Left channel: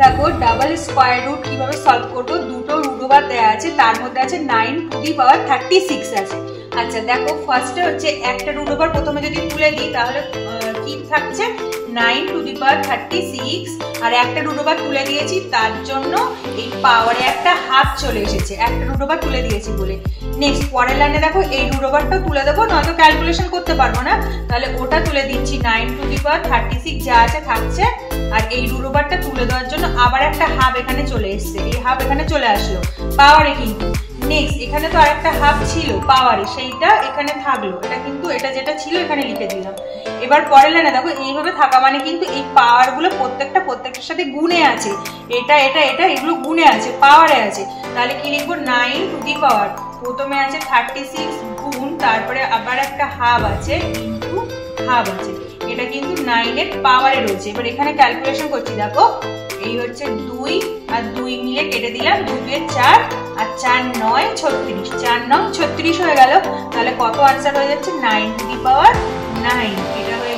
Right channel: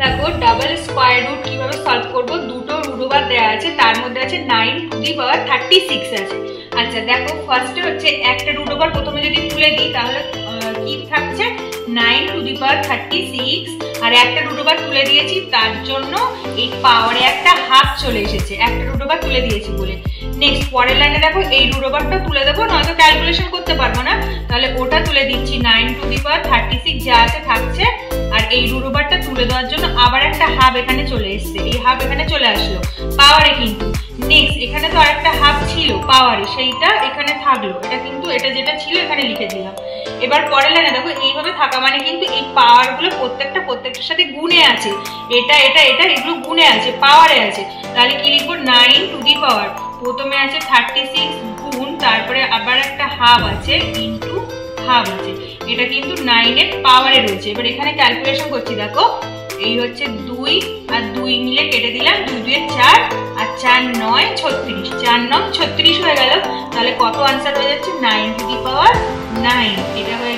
দেখো double square root কিভাবে solve করবো, দুটো রুট ওভার দেওয়া আছে, তার মধ্যে আছে 9 টু দি পাওয়ার 36 আছে। আচ্ছা দেখো ফার্স্টে হচ্ছে একটা রুট ওভার প্রথমে যদি তুলে দিই তাহলে কি থাকছে 9 টু দি পাওয়ার 36, আর একটা রুট ওভার তুলে দিয়েছি তার জন্য এই পাওয়ারে একটা হাফ চলে এসেছে, একটা রুট ওভার তুলে দিয়েছি বলে। নেক্সট পরের লাইনে দেখো এই রুট ওভারটা তুলে দেবো, নয়তো ক্যালকুলেশন করতে পারবো না, তাহলে ওটা তুলে দিচ্ছি 9 টু দি পাওয়ার 36 যা আছে থাকছে, আর এই রুট ওভারটা তুলে দেওয়ার জন্য আবার একটা হাফ এখানে চলে এসছে, এই হাফ এখানে চলে আসলো পাওয়ারে। কিন্তু নেক্সট এখানে তো আরেকটা হাফ ছিল পাওয়ারে, সেইটা এখানে থাকলো, এটা কিন্তু এটা যেটা ছিল এখানে লিখে দিলাম। এবার পরের লাইনে দেখো এইভাবে থাকা মানে কিন্তু এই পাওয়ার গুলো প্রত্যেকটার সাথে গুণে আছে, এটা এটা এটা এগুলো গুণে আছে, পাওয়ারে আছে, তাহলে কি লিখবো 9 টু দি পাওয়ার প্রথমে আছে 36 গুণ তারপরে আবার একটা হাফ আছে ইনটু হাফ আছে, এটা কিন্তু 9 এর পাওয়ারে রয়েছে। এবার এখানে ক্যালকুলেশন করছি, দেখো এই হচ্ছে 2 আর 2 মিলে কেটে দিলাম, 2 2 4 আর 4 9 36, 4 9 36 হয়ে গেল, তাহলে কত আনসার হয়ে যাচ্ছে 9 টু দি পাওয়ার 9, এটা হয়ে